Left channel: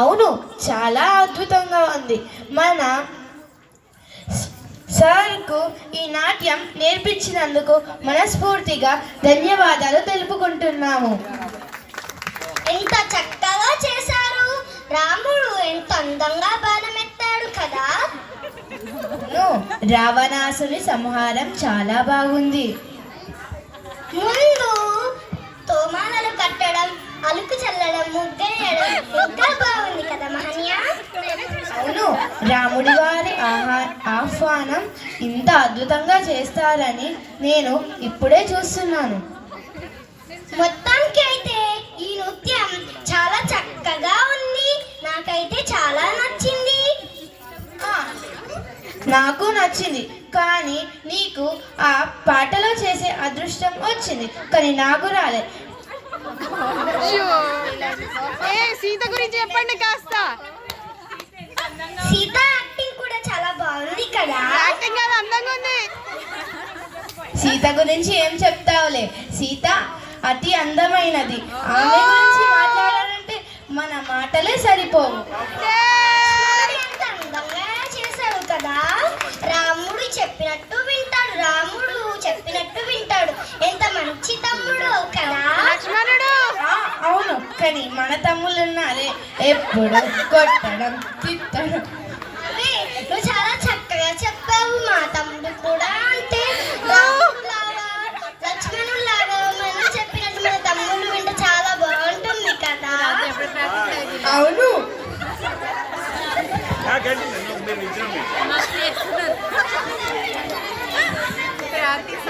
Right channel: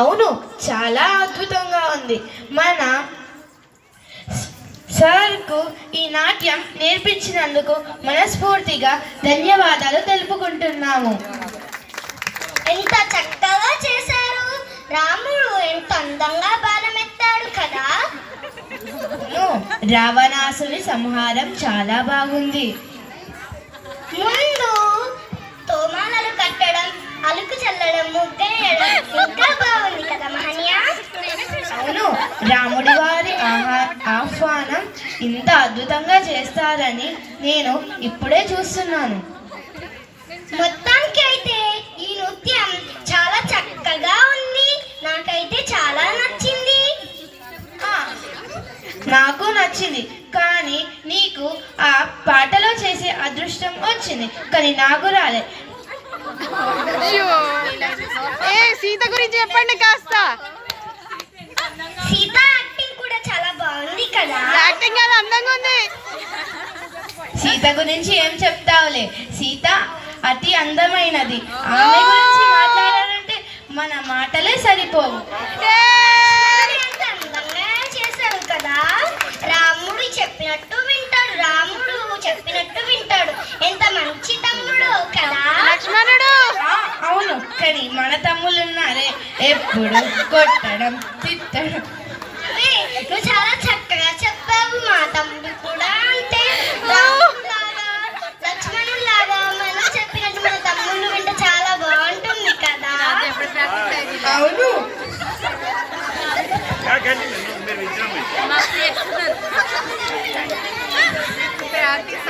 అవును, చాలా అద్భుతంగా ఉంది. మన సార్కు ఈ నాట్యం నేర్పించినందుకు మనస్ఫూర్తిగా ధన్యవాదాలు తెలుపుకుంటున్నాము. ఎంత చక్కగా చేశారు. రాముడు ఎంత అందంగా బాణమెత్తాడు కదా. రావణాసుని సంహారం చాలా బాగుంది. ముందు తోమాలు కట్టడం, అలుకు చల్లడం, ముగ్గేయడం ఇంకా బాగుంది కదా మహన్య. అవును, రాముడి వారి ఆహ్వానం ఇంత అద్భుతంగా చేస్తారని నేను ఇప్పుడే చూస్తున్నాను. మొత్తానికి అయితే ఈ నృత్యం చాలా చక్కగా ఉంది. నాకైతే చాలా నచ్చింది. నాకు నచ్చింది, కానీ నీకు ఆ పాటలో చేసే అదృష్టం వచ్చింది, కానీ నాకు రాలే. సీత గురించి చెప్పండి కాస్త. సీత యాక్టింగ్ కూడా చాలా బాగుంది కదా. యాక్టింగ్ అది అందంగా ఉంది. సీత గురించి ఏం చెప్తావులే, సీత అతి అందమైనది. ఆమె గురించి మాట్లాడాలంటే మన మాటలే సరిపోవు. అందంగా చేశాడు కదా. రాముడు చెప్పినట్టు వింటాడు, రాముడు చెప్పినట్టు వింటాడు. ఎంత మంచి తమ్ముడు కదా లక్ష్మణుడు. అవును, కానీ మన తమ్ముళ్ళున్నారే ఎప్పుడు కొట్టడం, తిట్టడం. నువ్వు చాలా చక్కగా చెప్పావు. మా తమ్ముడు కూడా అంతే. లక్ష్మణులాగా మనం చెప్పినట్టు మన తమ్ముడు వింటే చాలా బాగుంటుంది కదా. అవును, ప్రాక్టీస్